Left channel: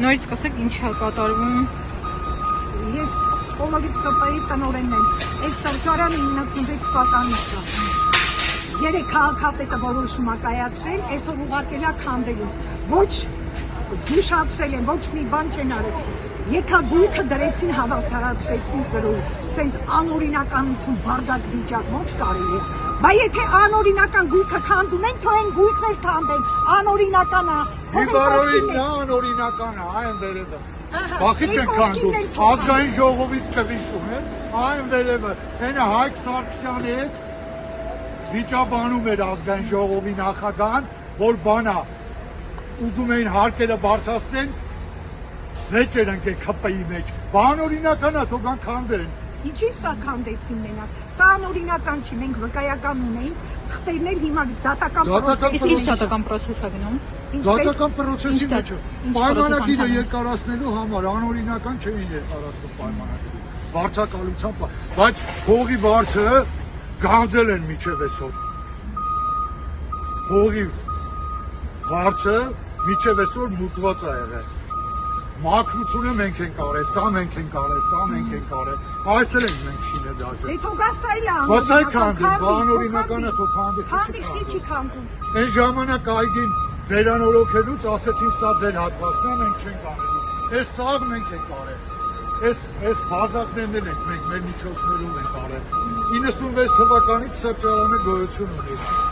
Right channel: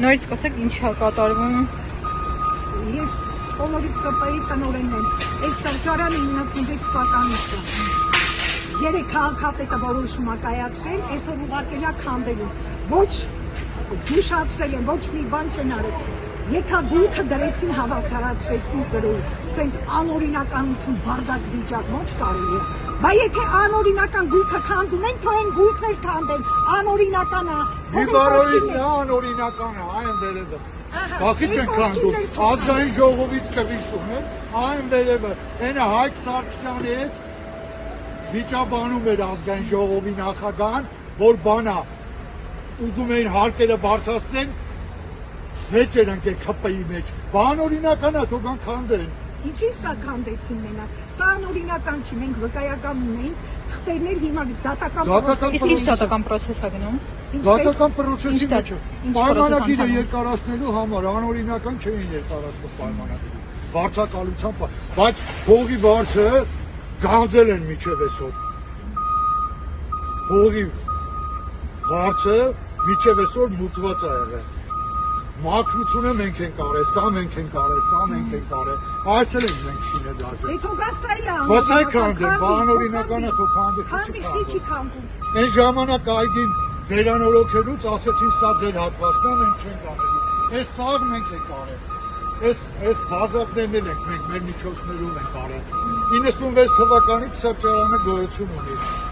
Նորից սկսեք ինչ է կատարվում։ Ես Պոլովից ՍՊ-ի տնօրենն եմ։ Այս սրճարանը 96 թվականից է։ Երեք քաղաքապետը որոշում է կայացրել, այսօր ուղարկել է քանդելու։ Ոչ զգուշացրել են, ոչ մի բան չեն արել։ Եկա բույթը դրեցին, հավասարացրեցին զրոյի, սենց անօրինականություն բարգատ վիճակ ոնց կարելի է։ Բայց եթե անօրինական գույքը քանդում են, թող են գույքն էլ քանդեն, անօրինական է։ Իվարովին նա անօրինական է, այն վերևը։ Բախի չեն քանդում, ազգային ժողովից կռիչում են, այն վերևը, այնը Հայկ Սարգսյանի հետ վիճաբանում էր ազգային ժողովի նախագահան, որ բանա ուզում էին հարկերը բարձրացնել, վեճեր ընկել ՔՊ-ի մեջ, բանօրինական է, թող կան քանդեն։ Ինչի սա քանդեցին մենակ, սա անօրինական չի, մենք վկայական ունեինք, խտերն էլ հիմա դատական պրոցես է գնում։ Դատական պրոցեսի մեջ է, պայմանագիրը երկարացնելու համար, անօրինական չէին երկարացնում պայմանագիրը, վարձակալությամբ, բայց հողի վարձը գանձել են մինչև այսօր, հողի վարձը մինչև այսօր մուծված է եղել, մաքրությունը մենք ենք արել, սա մենք ենք արել, սա մենք ենք արել, այս էլ ենք մենք շինել դաժե։ Բաս այ քանդեն, բանօրինական է, թող քանդի, խիչի քանդում։ Այն ժամանակ այգին վերանորոգելուց ասեցին սա ձեր հատվածն է, մենք չենք անելու, այս սաղ մենք ենք արել, այս բազակներն էլ ենք մենք մեր միջոցներով ենք արել, 96 թվականից սրճարանը գոյություն ունի։